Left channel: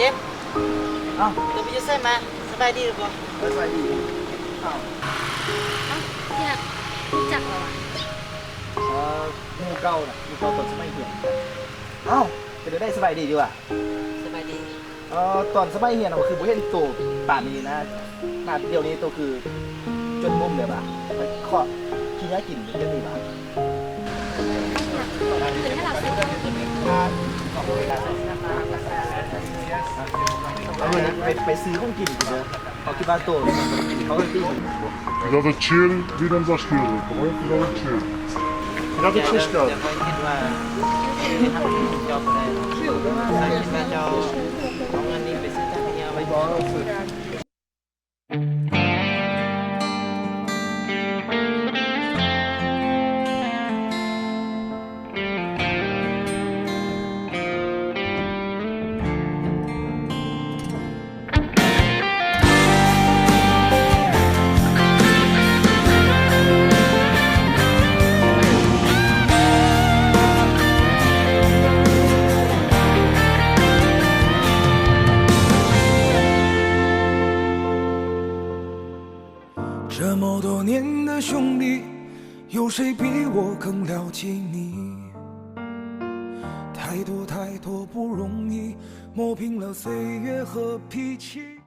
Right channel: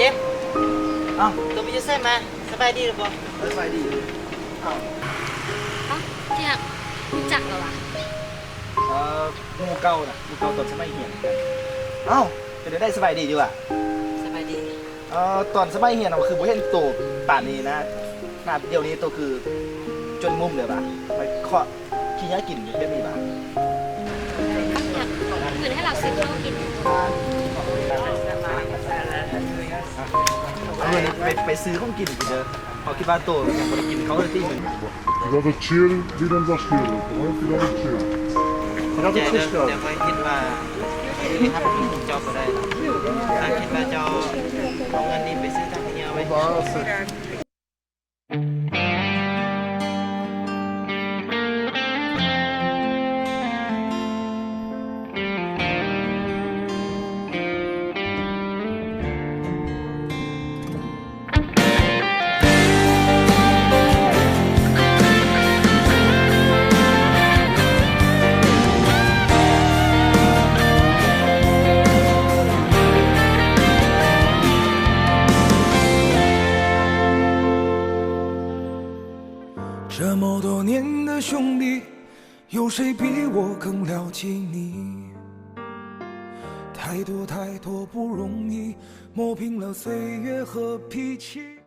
จมส์อ้าวตัวไปอยู่ไสมาสบายดีหรือบ่สบายดีอ้าวที่หักรู้จักเหรอวะหมู่เก่าน่ะหมู่เก่าตอนสมัยเรียนอ้าวจะได้สบายดีอยู่อ่ะสบายดีตอนสมัยเรียนคือบ่เห็นโตป่านนี้นะนาดเดี๋ยวนี้โตคือจนมุมเลยป่ะไปเคาะขี้ยากินได้มีป่ะเหมือนให้เราซื้อมากินเอาเงินนี้ไปซื้อของกินกินเด้อเขาคิดว่าโตยังบ่ได้กินเขาเลยที่มึง Dat het chill wie dan was sturen. Kom op, wie dan het chill. เราจะชิสเตอร์ เดี๋ยวค่อยคิดว่าที่ทำถึงจอบบ่ได้หรอกถ้าคิดว่าเจ้าเอาเงินนี้ไปซื้อทางขยะไว้这么多年的兄弟，有谁比我更了解你？太多太多不容易，磨平了岁月和脾气。